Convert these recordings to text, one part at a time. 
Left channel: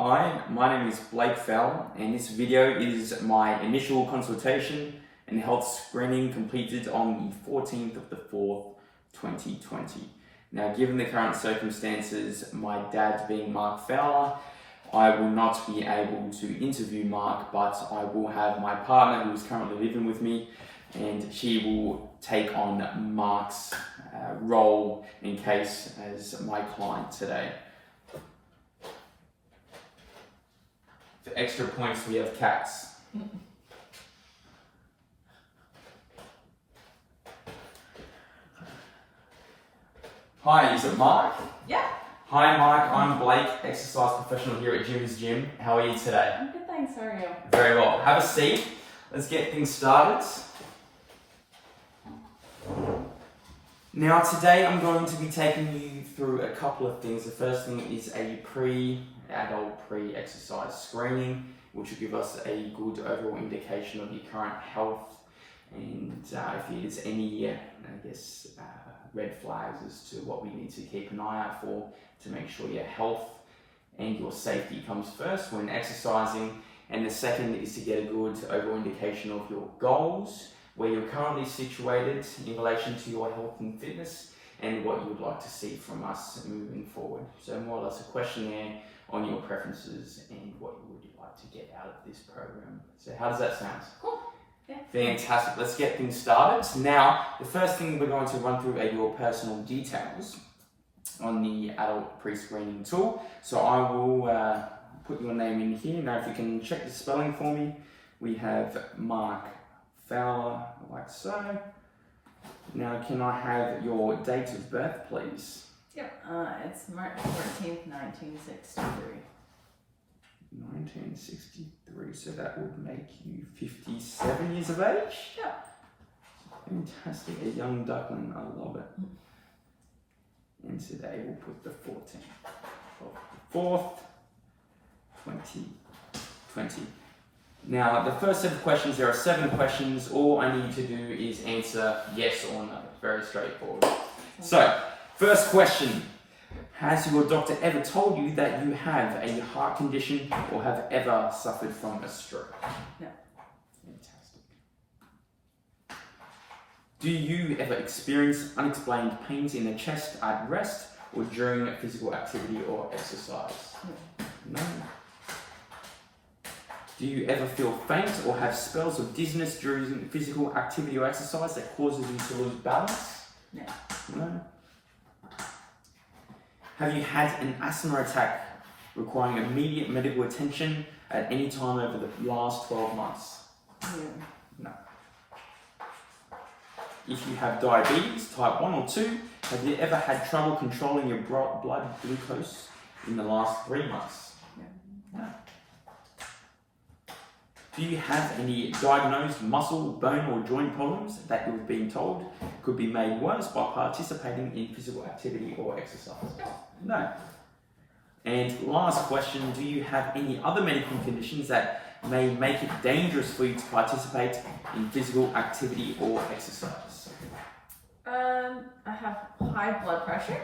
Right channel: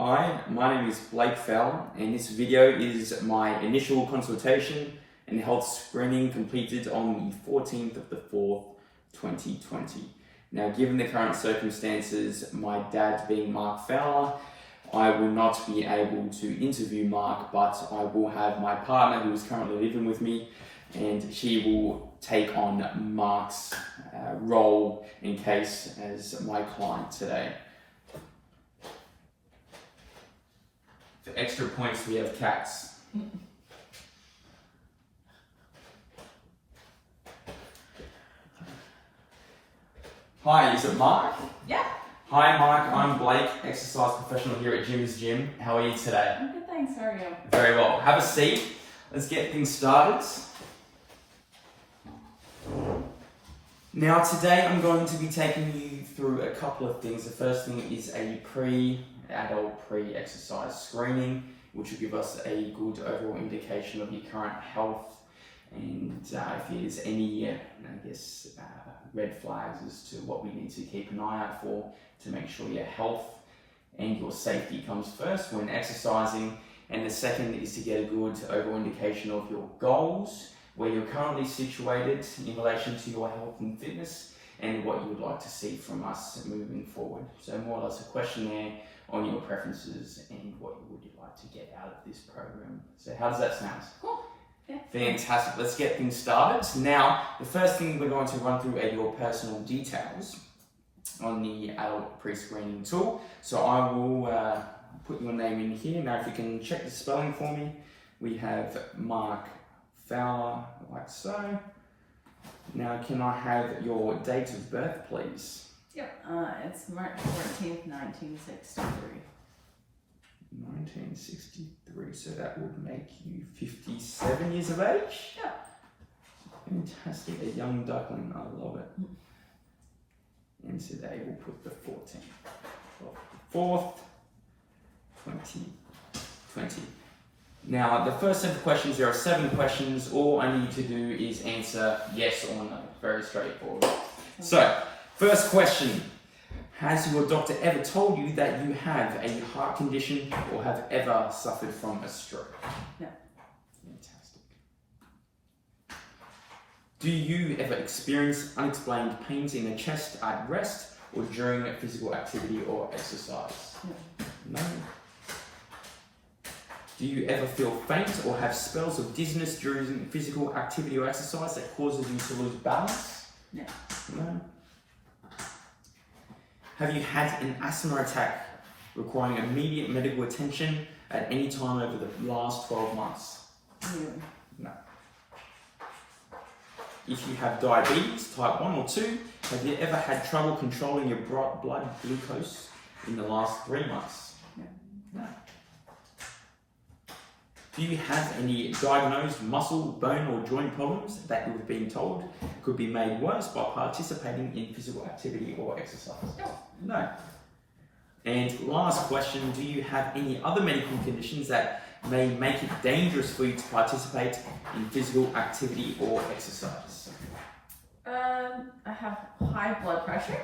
Hi, my name is Blake Fell, and this video is my initial consultation and health screening completed on the 14th of the 4th, 2020. Now, given the current circumstances, my dad being Mark Fowler, I will not be able to interview Mark, but I will have my partner who is currently living with me, and she will take on Mark's role in case as my client today. For extra points, we have cats. Hi, is it Mark? Yeah. Hi Mark, I'm Blake, exercise professional here at Jim's Gym. How are you today? I'm good, thanks. How are you? Very well. Have a seat. Let's get things started. Now today I'm going to be taking you through a couple of things. The first thing is a pre-adult, pre-exercise screening, which will give us a good overall indication of your current health and if there's any, red flags as to what we need to keep an eye out for to make sure your health and your safety comes first when exercising. And the second is to get a good overall indication of your goals, where you're currently situated in relation to your health and fitness, and what you would like to see from us moving forward. So more or less a questionnaire on your preferences and what you would like to get out of this program. So how does that sound? Cool. Yeah. Fantastic. Let's get things started. Now, the first thing we're going to run through are your personal details on the adult pre-screening tool. So I will put your name in here. Now, if you can check the spelling for me, we have Mark Fowler, like so. Now, can I have your date of birth, please? Yep. It's March 14th, 1963. 1963, so that would make you 57 years of age? Yeah. Fantastic, a young duckling, I love it. And today we'll put the 14th of the 4th, 2020. Now, the first set of questions, there are 7 questions. All I need to do is answer yes or no. Very straightforward. So, first question. Has your doctor ever told you that you have a heart condition or have ever suffered from a stroke? No. Fantastic. Do you ever experience unexplained pains in the chest at rest or during physical activity or exercise? No. No. Do you ever feel faint or have spells of dizziness during physical activity or exercise that causes you to lose balance? No. No. Have you had an asthma attack requiring immediate medical attention at any time over the last 12 months? No. No. If you have diabetes, type 1 or 2, have you ever had trouble controlling your blood glucose in the last 3 months? No. No. Do you have any diagnosed muscle, bone or joint problems that you've been told could be made worse by participating in physical activity or exercise? No. And last question, do you have any other medical conditions that may make it dangerous for you to participate in physical activity or exercise? I have high blood pressure.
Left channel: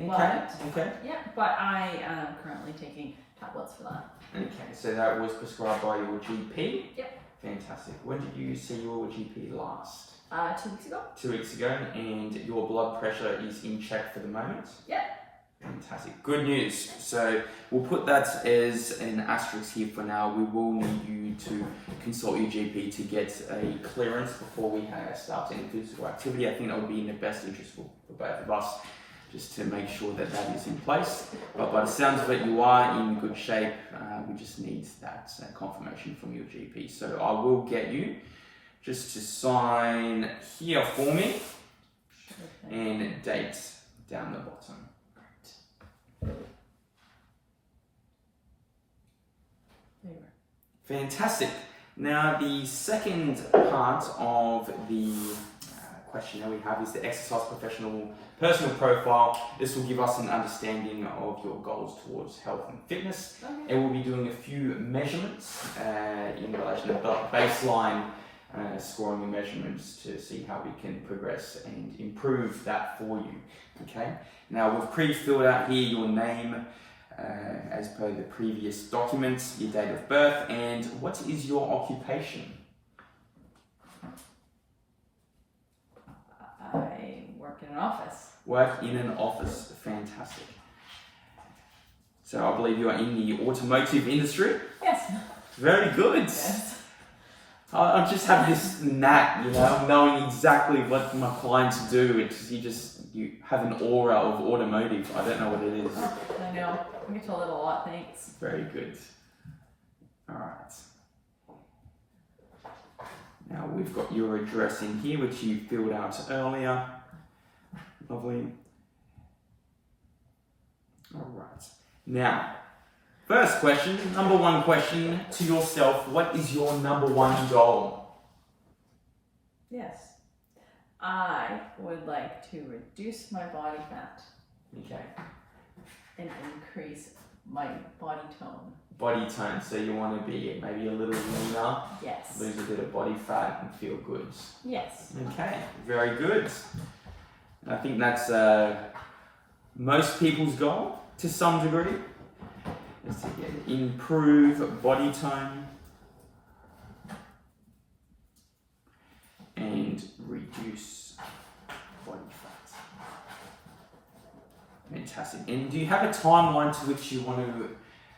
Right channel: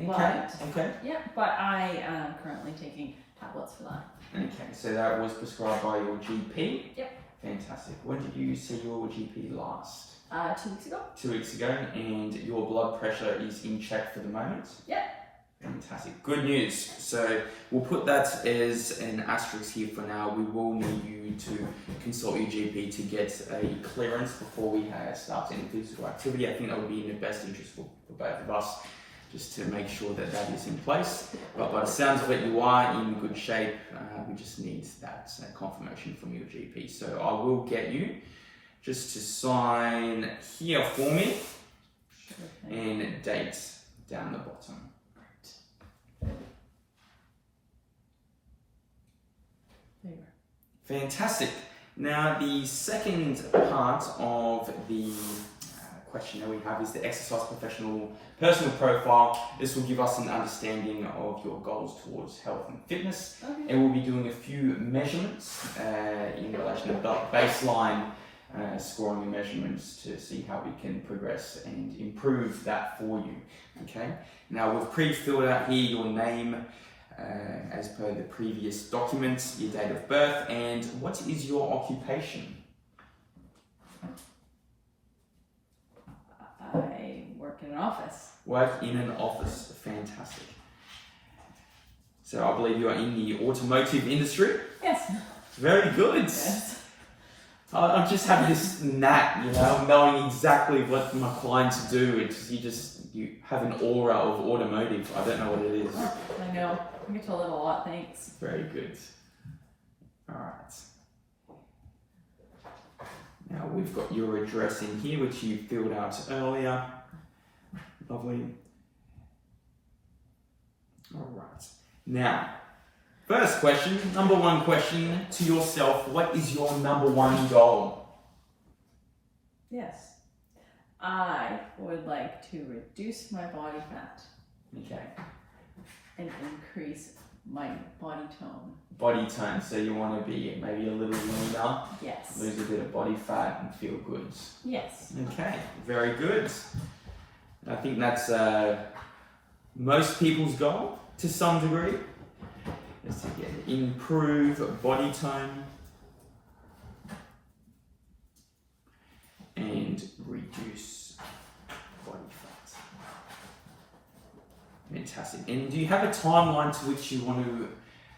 Okay. Yeah, but I am currently taking tablets for that. Okay, so that was prescribed by your GP? Yep. Fantastic. When did you see your GP last? 2 weeks ago. 2 weeks ago, and your blood pressure is in check for the moment? Yep. Fantastic. Good news. So we'll put that as an asterisk here for now. We will need you to consult your GP to get a clearance before we start any physical activity. I think that would be in the best interest for both of us, just to make sure that that is in place. But by the sounds of it, you are in good shape. We just need that confirmation from your GP. So I will get you just to sign here for me, and date down the bottom. There you Fantastic. Now the second part of the questionnaire we have is the exercise professional personal profile. This will give us an understanding of your goals towards health and fitness. Okay. And we'll be doing a few measurements in relation to baseline scoring and measurements to see how we can progress and improve that for you. Okay. Now we've pre-filled out here your name as per the previous documents, your date of birth, and what is your occupation? I work in an office. Work in an office. Fantastic. So I believe you are in the automotive industry. Yes. Very good. Yes. I just have this knack, knowing exactly what my clients do. You have an aura of automotive. I don't know what it is. I know. I get told it a lot, thanks. Very good. All right. Now we've got your address in here, which you filled out earlier. Lovely. All right. Now, first question, number one question to yourself. What is your number one goal? Yes. I would like to reduce my body fat Okay. and increase my body tone. Body tone, so you want to be maybe a little leaner, Yes. lose a bit of body fat and feel good. Yes. Okay, very good. I think that's most people's goal to some degree, is to get improve body tone and reduce body fat. Fantastic. And do you have a timeline to which you want to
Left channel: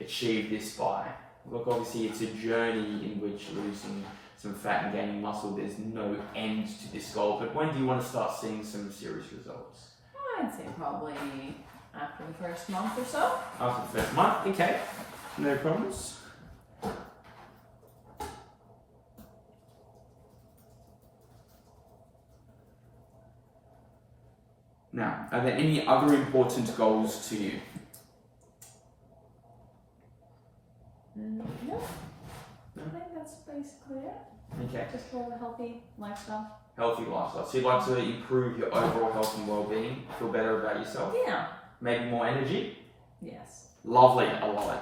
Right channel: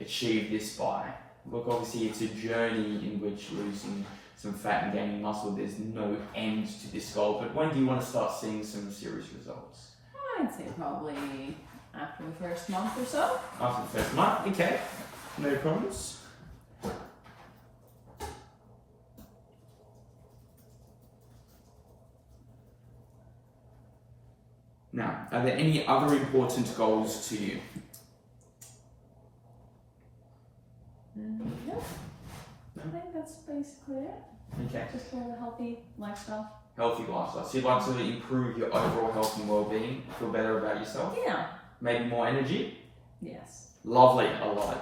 achieve this by? Look, obviously it's a journey in which losing some fat and gaining muscle, there's no end to this goal, but when do you want to start seeing some serious results? I'd say probably after the first month or so. After the first month, okay, no problems. Now, are there any other important goals to you? No. No? I think that's basically it. Okay. Just for a healthy lifestyle. Healthy lifestyle. So you'd like to improve your overall health and well-being, feel better about yourself, Yeah. maybe more energy? Yes. Lovely, I love it.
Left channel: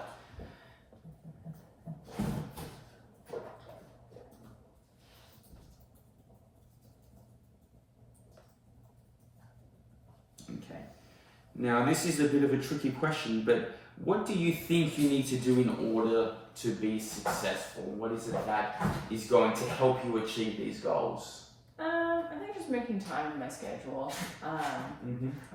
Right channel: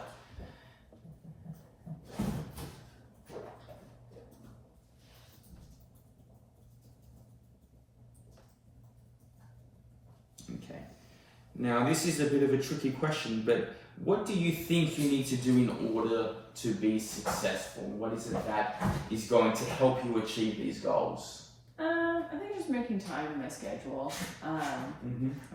Okay. Now this is a bit of a tricky question, but what do you think you need to do in order to be successful? What is it that is going to help you achieve these goals? I think just making time in my schedule. I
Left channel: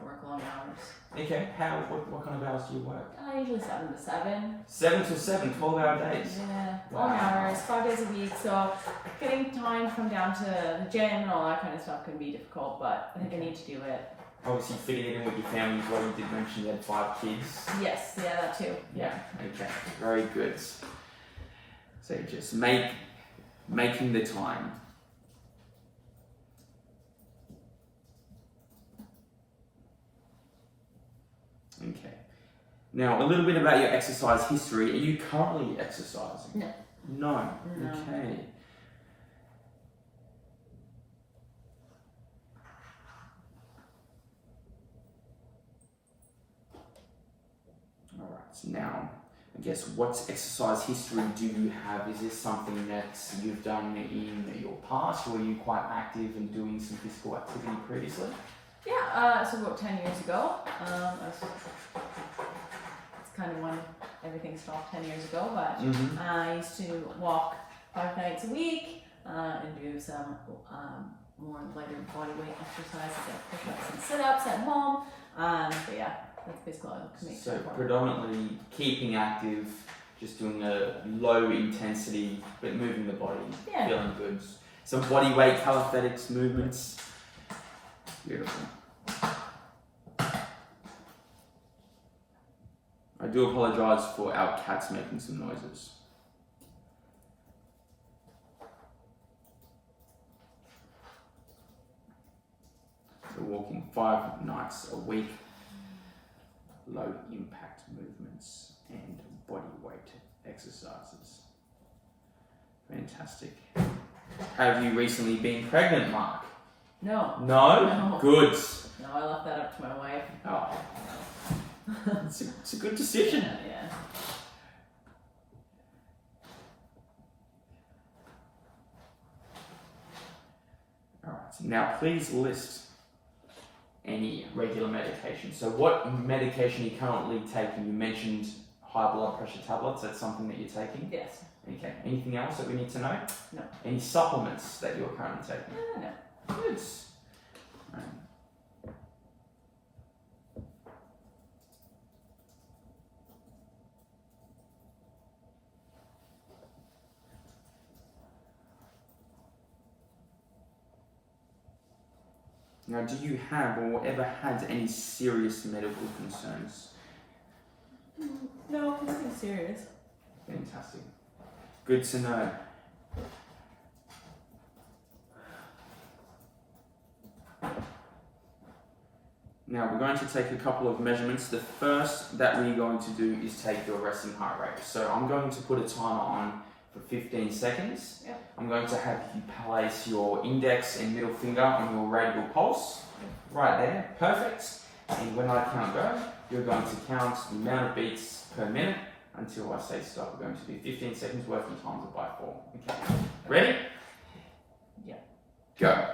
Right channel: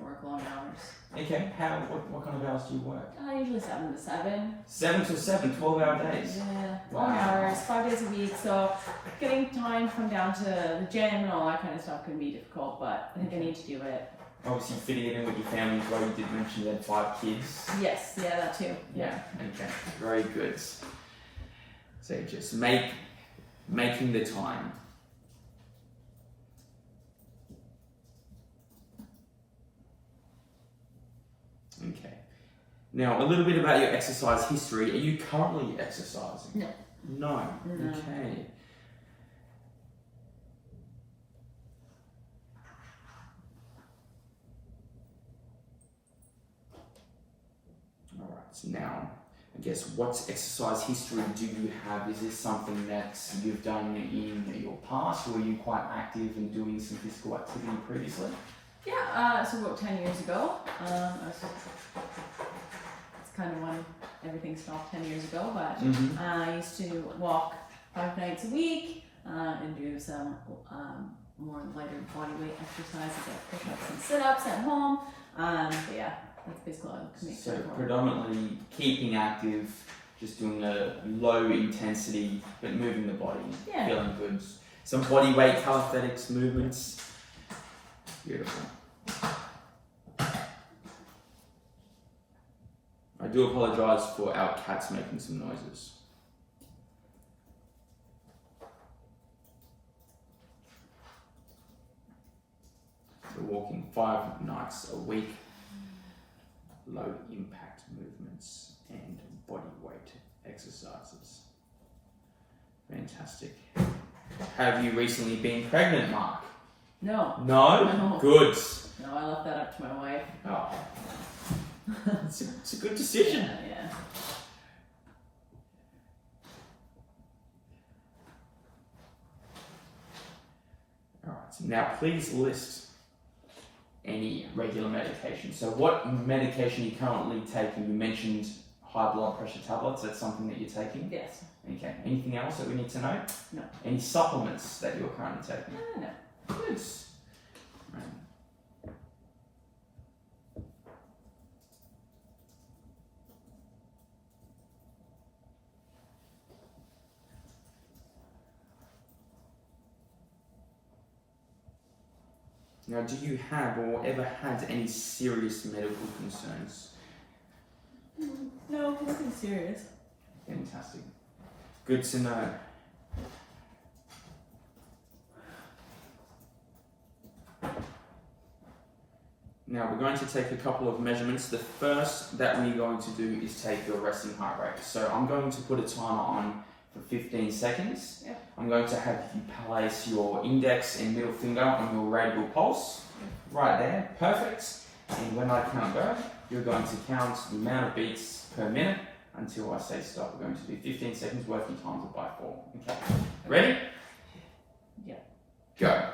work long hours. Okay, what kind of hours do you work? Usually 7 to 7. 7 to 7, 12-hour days? Yeah, Wow. long hours, 5 days a week. So getting time to come down to the gym and all that kind of stuff can be difficult, but I think I need to do it. Obviously fitting it in with your family as well. You did mention you had 5 kids. Yes, yeah, that too. Yeah. Okay, very good. So just making the time. Okay. Now, a little bit about your exercise history. Are you currently exercising? No. No. No. Okay. All right. So now, I guess, what exercise history do you have? Is this something that you've done in your past, or were you quite active in doing some physical activity previously? Yeah, so about 10 years ago, it's kind of when everything stopped 10 years ago, but I used to walk 5 nights a week and do some more lighter body weight exercise, like push-ups and sit-ups at home. So yeah, that's basically all I can make. So predominantly keeping active, just doing a low intensity, but moving the body, feeling good. Some body weight calisthenics movements. Beautiful. I do apologise for our cats making some noises. So walking 5 nights a week, low impact movements and body weight exercises. Fantastic. Have you recently been pregnant, Mark? No. No? No. Good. No, I left that up to my wife. Oh. It's a good decision. Yeah. All right. So now, please list any regular medication. So, what medication are you currently taking? You mentioned high blood pressure tablets. That's something that you're taking? Yes. Okay. Anything else that we need to know? No. Any supplements that you're currently taking? No. Good. Now, do you have or ever had any serious medical concerns? No, nothing serious. Fantastic. Good to know. Now we're going to take a couple of measurements. The first that we're going to do is take your resting heart rate. So I'm going to put a timer on for 15 seconds. Yep. I'm going to have you place your index and middle finger on your radial pulse. Right there, perfect. And when I count go, you're going to count the amount of beats per minute until I say stop. We're going to do 15 seconds worth and times it by 4. Okay. Ready? Yep. Go.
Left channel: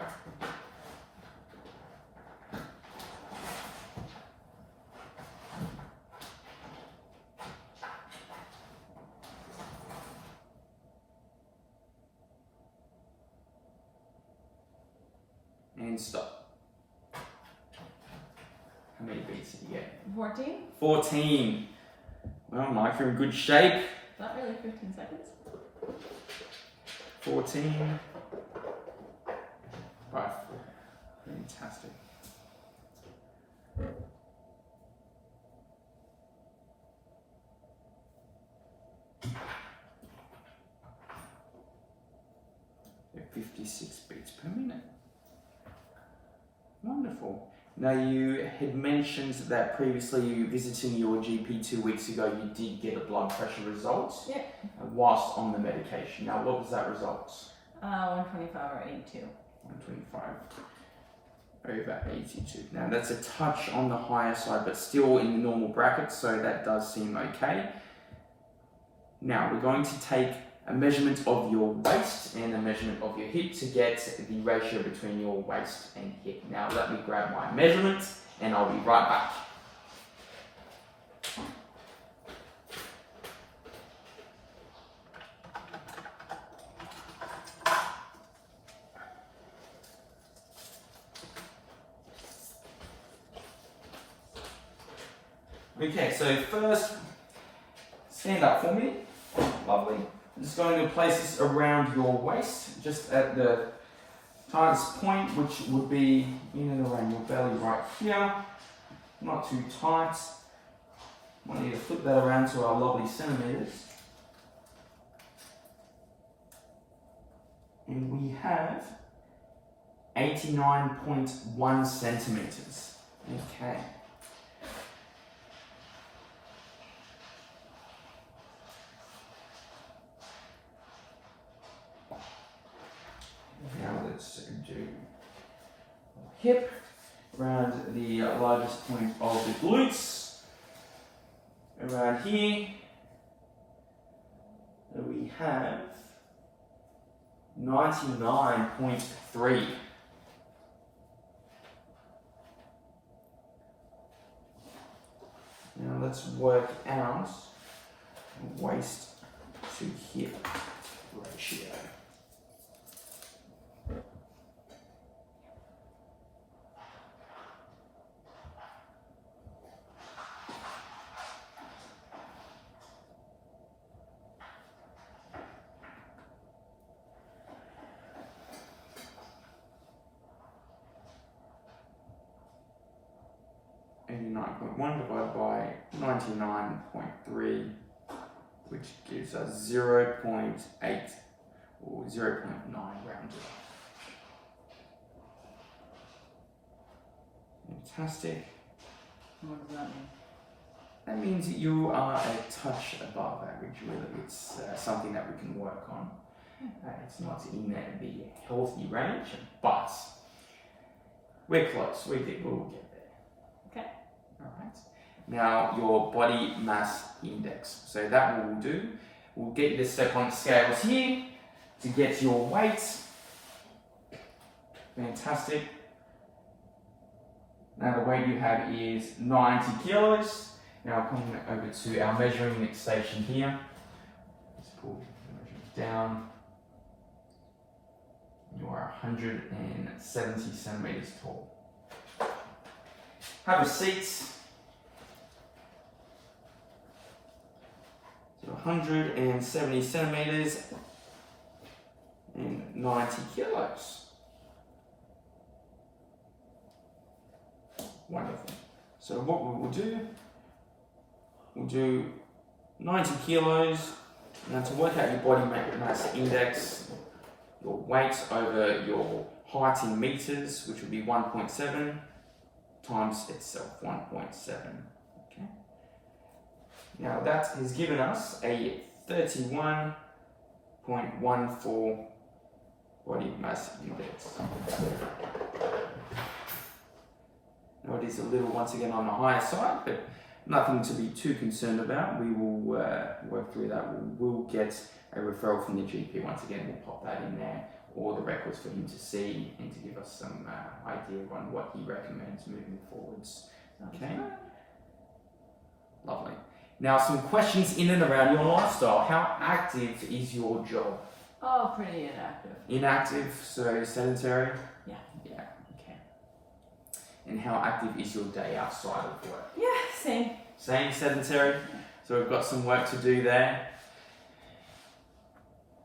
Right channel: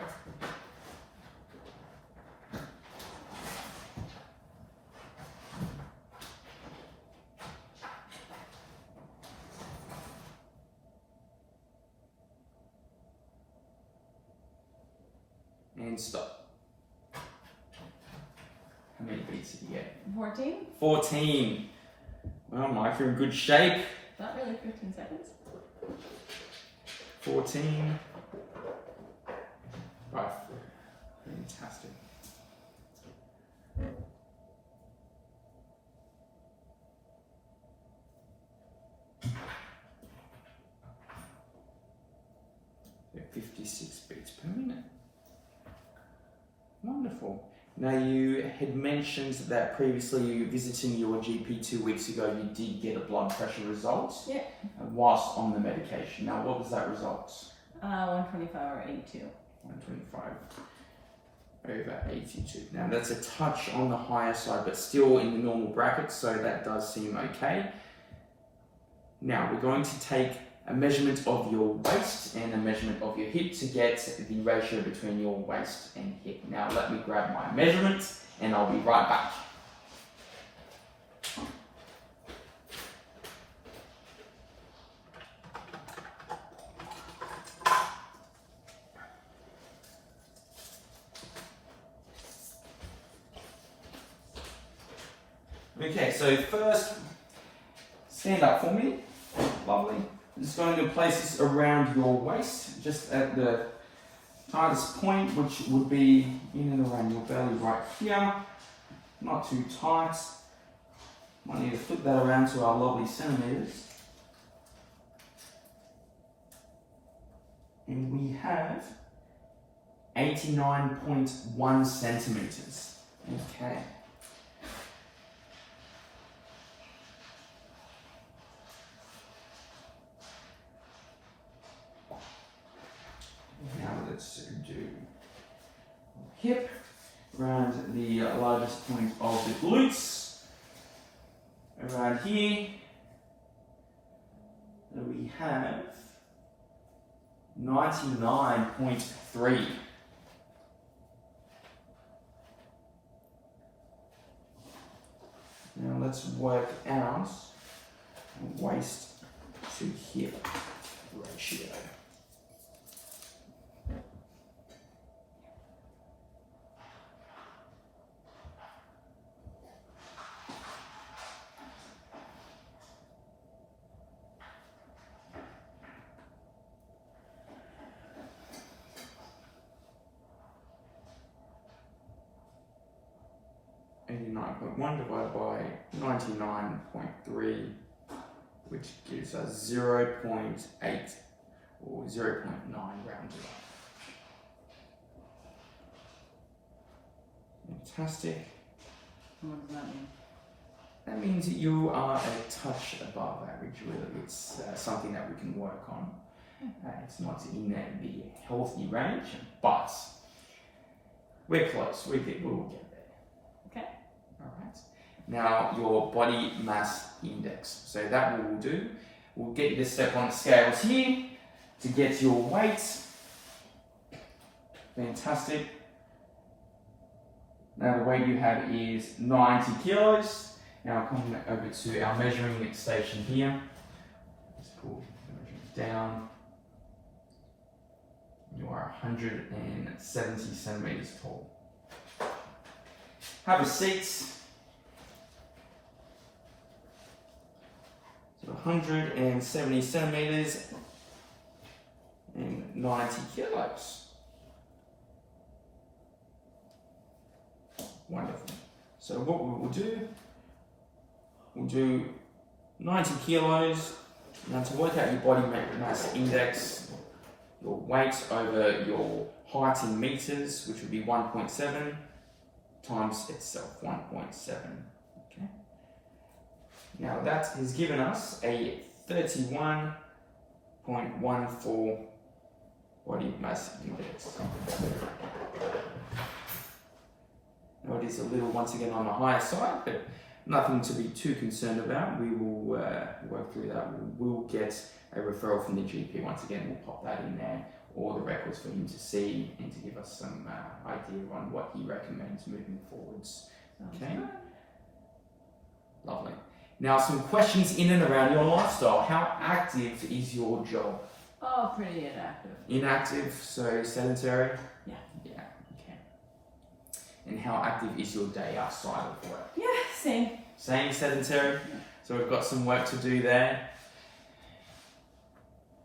And stop. How many beats did you get? 14? 14. Well, Mike, you're in good shape. Not really 15 seconds. 14. Right. Fantastic. They're 56 beats per minute. Wonderful. Now, you had mentioned that previously you visiting your GP 2 weeks ago, you did get a blood pressure result. Yeah. Whilst on the medication. Now, what was that result? 125 or 82. 125 over 82. Now, that's a touch on the higher side, but still in the normal bracket, so that does seem okay. Now, we're going to take a measurement of your waist and a measurement of your hip to get the ratio between your waist and hip. Now let me grab my measurement and I'll be right back. Okay, so first, stand up for me. Lovely. I'm just going to place this around your waist, just at the tightest point, which would be in and around your belly right here. Not too tight. Might need to flip that around to our lovely centimeters. And we have 89.1 centimeters. Okay. Now let's do hip around the largest point of the glutes. Around here, we have 99.3. Now let's work out waist to hip ratio. Divided by 99.3, which gives us 0.8 or 0.9 rounded up. Fantastic. What does that mean? That means that you are a touch above average, really. It's something that we can work on. It's not in the healthy range, but we're close. We'll get there. Okay. Alright. Now your body mass index. So that what we'll do, we'll get you to step on the scales here to get your weight. Fantastic. Now the weight you have is 90 kilos. Now coming over to our measuring station here. Let's pull the measurements down. You are 170 centimeters tall. Have a seat. So 170 centimeters and 90 kilos. Wonderful. So what we will do, we'll do 90 kilos. Now to work out your body mass index, your weight over your height in meters, which would be 1.7 times itself, 1.7. Okay. Now that has given us a 31.14 body mass index. Now it is a little, once again, on the higher side, but nothing to be too concerned about. We will work through that. We'll get a referral from the GP. Once again, we'll pop that in there, or the records for him to see and to give us some idea on what he recommends moving forwards. Okay, lovely. Now some questions in and around your lifestyle. How active is your job? Oh, pretty inactive. Inactive, so sedentary? Yeah. Yeah, okay. And how active is your day outside of work? Yeah, same. Same, sedentary? Yeah. So we've got some work to do there.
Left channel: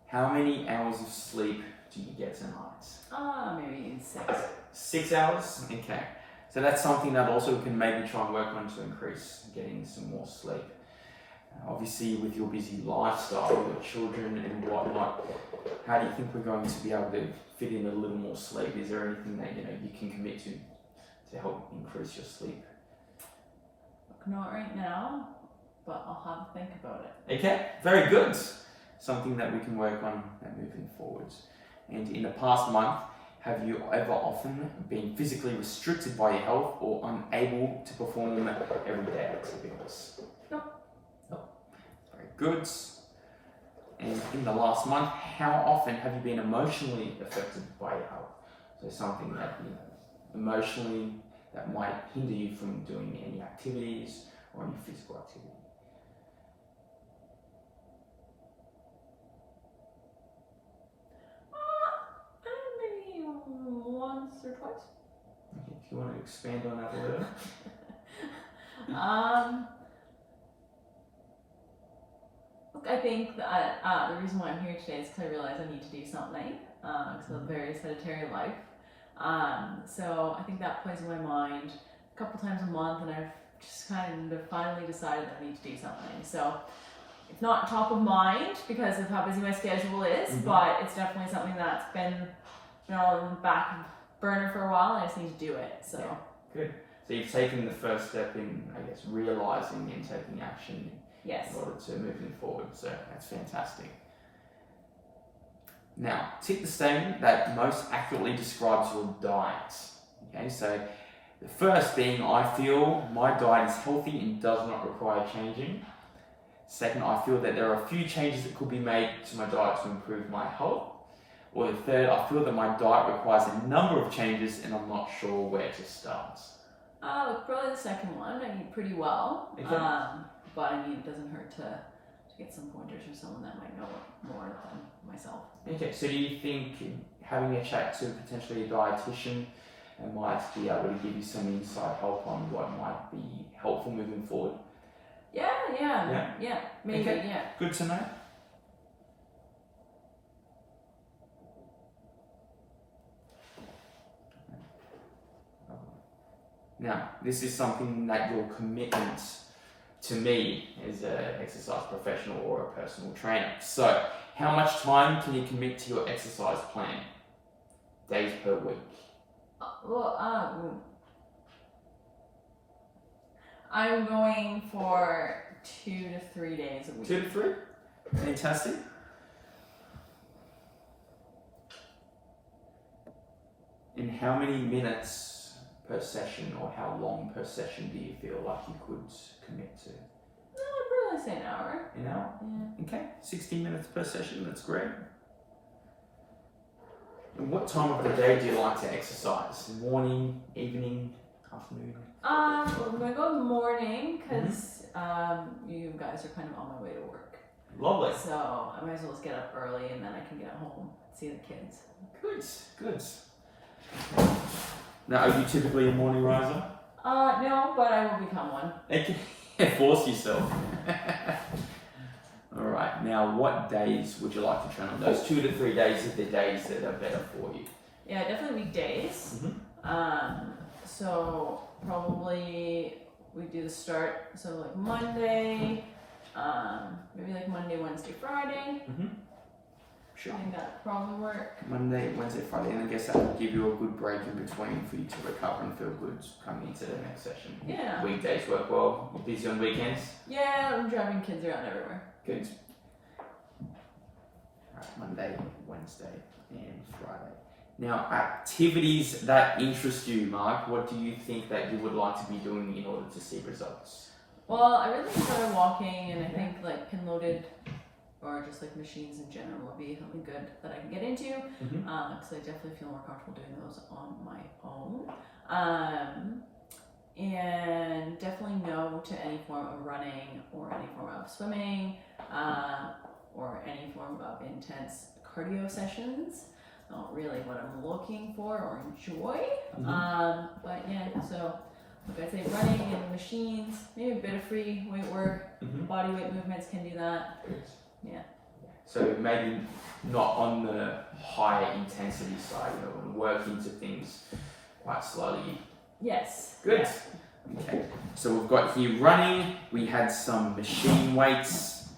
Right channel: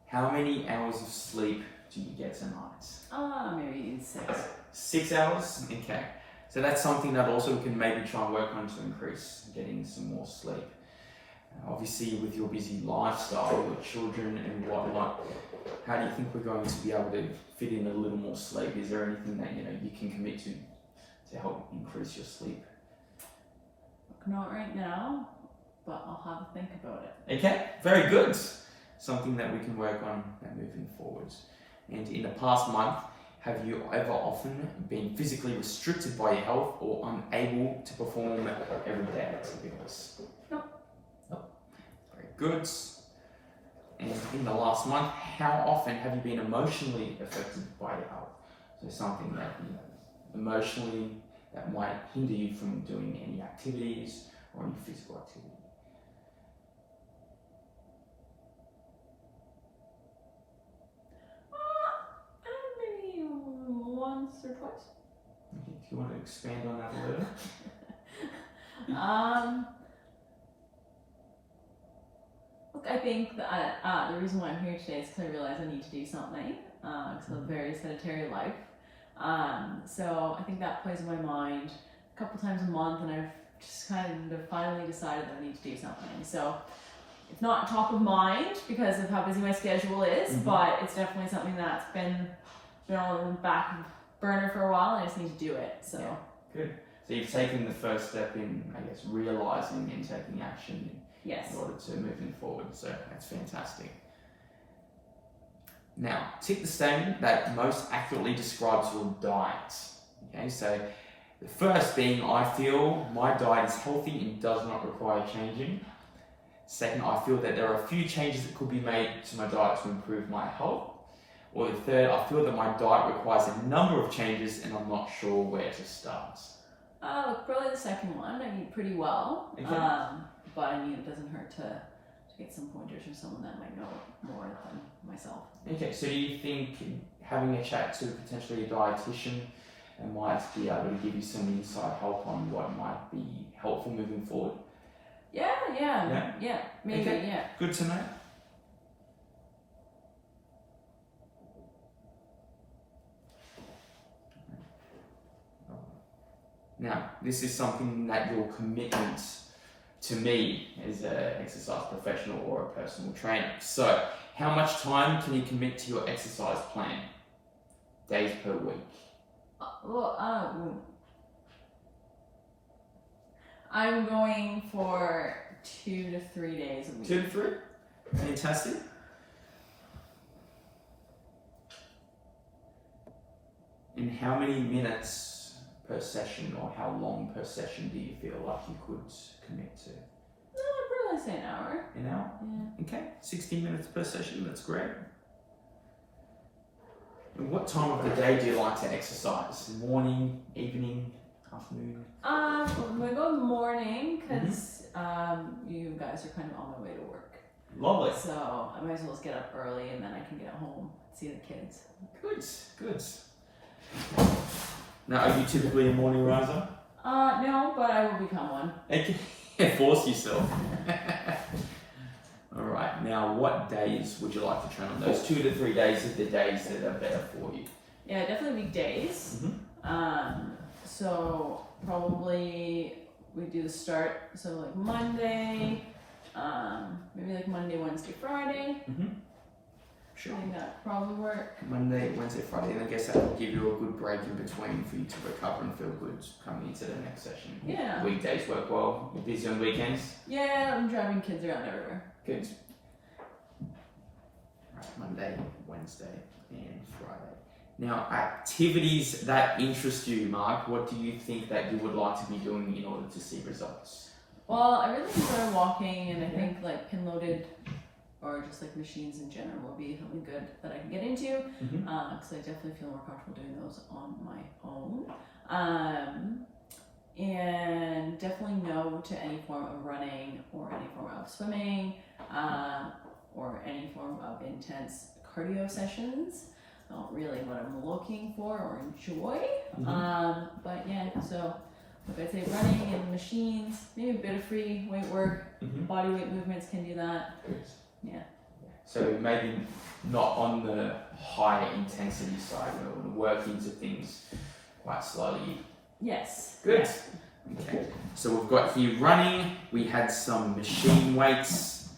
How many hours of sleep do you get a night? Maybe 6. 6 hours? Okay. So that's something that also we can maybe try and work on to increase getting some more sleep. Obviously, with your busy lifestyle, your children and whatnot, how do you think we're going to be able to fit in a little more sleep? Is there anything that you can commit to help increase your sleep? Not right now, but I'll have to think about it. Okay, very good. Something that we can work on moving forwards. And in the past month, have you ever often been physically restricted by your health or unable to perform everyday activities? No. No. Very good. And in the last month, how often have you been emotionally affected by your health? So something that, emotionally, that might hinder you from doing any activities or any physical activity. Maybe once or twice. Okay, if you want to expand on that a little. Look, I think that the reason why I'm here today is because I realize I need to do something. Because of a very sedentary life. So I think that plays in my mind a couple times a month, and I've just kind of finally decided that I need to do something. So it's not top of mind because of how busy my schedule is, but it's definitely something that's been on the back burner for a while, and I just need to do it. So yeah, good. So you've taken the first step in, I guess, realizing and taking action yes. in order to moving forward. So that's fantastic. Now, tick the statement that most accurately describes your diet. Okay, so the first being, I feel my diet is healthy and does not require changing. Second, I feel that there are a few changes that could be made to my diet to improve my health. Or the third, I feel that my diet requires a number of changes and I'm not sure where to start. Look, probably the second one. I eat pretty well, Okay. but I mean, it doesn't hurt to get some pointers from someone that might know more than myself. Okay, so do you think having a chat to potentially a dietitian might be able to give you some inside help on what might be helpful moving forward? Yeah, maybe, Okay. yeah. Good to know. Now, this is something that your commitment to me as an exercise professional or a personal trainer. So, how much time can you commit to your exercise plan? Days per week? I'm going for 2 to 3 days a week. 2 to 3? Fantastic. And how many minutes per session or how long per session do you feel like you could commit to? I'd probably say an hour. An hour? Yeah. Okay, 60 minutes per session, that's great. And what time of the day do you like to exercise? Morning, evening? afternoon? I'm gonna go in the morning because you guys are kind of on my way to work. Lovely. So I might as well just get up early and then I can get home, see the kids. Good. Now, are you typically a morning riser? No, but I will become one. Okay. Force yourself. All right. Now, what days would you like to train on? Those 2 to 3 days are the days that are better for you. Yeah, definitely weekdays. So probably we do the start. So like Monday, maybe like Monday, Wednesday, Friday. Sure. I think that would probably work. Monday, Wednesday, Friday, and I guess that will give you a good break in between for you to recover and feel good coming into the next session. Yeah. Weekdays work well. You're busy on weekends? Yeah, I'm driving kids around everywhere. Good. Alright, Monday, Wednesday, and Friday. Now, activities that interest you, Mark, what do you think that you would like to be doing in order to see results? Well, I really enjoy walking, and I think like pin loaded or just like machines in general would be something good that I can get into because I definitely feel more comfortable doing those on my own. And definitely no to any form of running or any form of swimming or any form of intense cardio sessions. Not really what I'm looking for or enjoy. But yeah, so like I say, running and machines, maybe a bit of free weight work, body weight movements can do that. Yeah. So maybe not on the high intensity side, and work into things quite slowly. Yes. Good. Yeah. Okay. So we've got here running. We had some machine weights.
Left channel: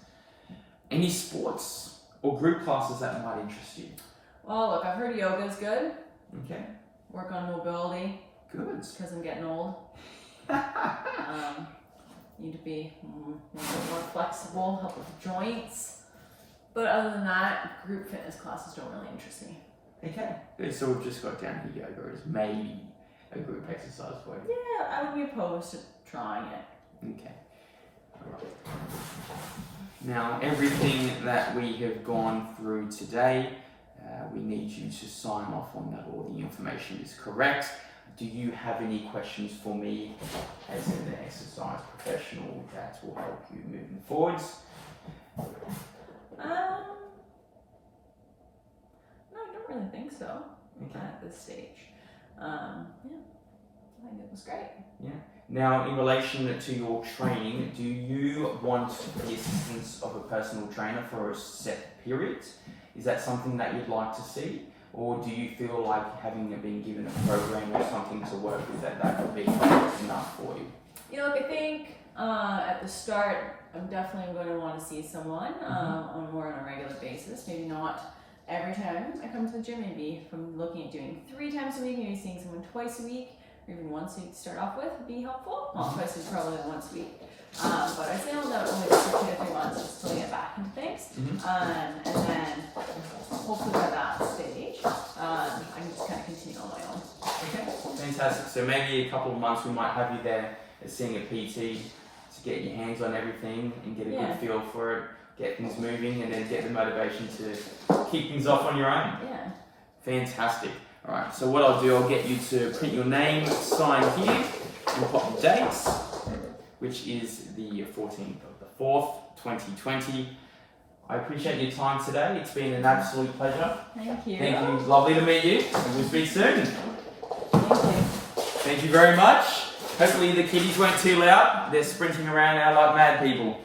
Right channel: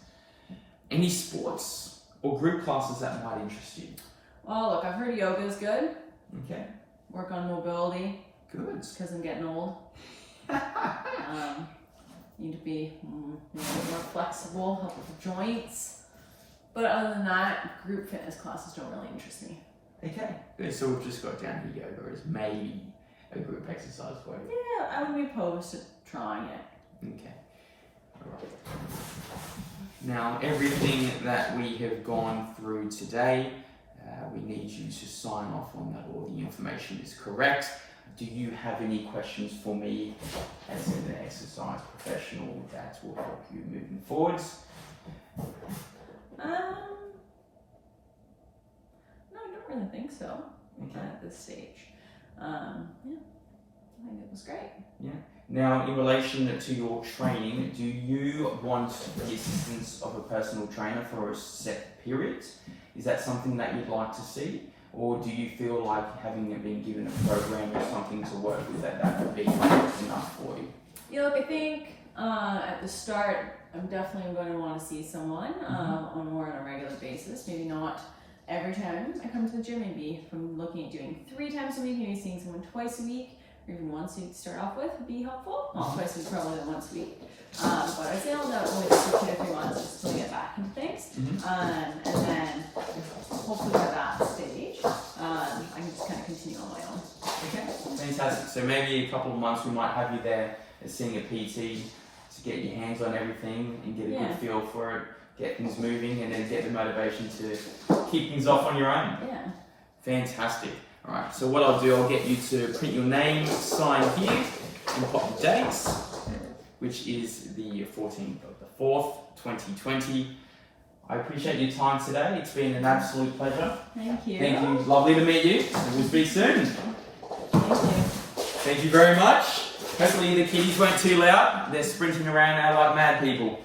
Any sports or group classes that might interest you? Well, look, I've heard yoga is good. Okay. Work on mobility. Good. Because I'm getting old. Need to be maybe more flexible, help with the joints. But other than that, group fitness classes don't really interest me. Okay. Good. So we've just got down here yoga as maybe a group exercise for you. Yeah, I would be opposed to trying it. Okay. All right. Now, everything that we have gone through today, we need you to sign off on that all the information is correct. Do you have any questions for me as an exercise professional that will help you moving forwards? No, I don't really think so. Okay. At this stage. Yeah, I think it was great. Yeah. Now, in relation to your training, do you want the assistance of a personal trainer for a set period? Is that something that you'd like to see? Or do you feel like having been given a program or something to work with that would be enough for you? Yeah, look, I think at the start, I'm definitely going to want to see someone on a regular basis. Maybe not every time I come to the gym. Maybe if I'm looking at doing 3 times a week, maybe seeing someone twice a week, or even once a week to start off with would be helpful. Well, twice a week probably than once a week. But I feel that only for 2 to 3 months just until I get back into things. And then hopefully by that stage, I can just kind of continue on my own. Okay, fantastic. So maybe a couple of months we might have you there seeing a PT to get your hands on everything and get a good feel for it, get things moving, and then get the motivation to keep things off on your own. Yeah. Fantastic. All right, so what I'll do, I'll get you to print your name, sign here, and pop the dates, which is the 14th of the 4th, 2020. I appreciate your time today. It's been an absolute pleasure. Thank you. Thank you. Lovely to meet you. And we'll speak soon. Thank you. Thank you very much. Hopefully the kiddies weren't too loud. They're sprinting around now like mad people.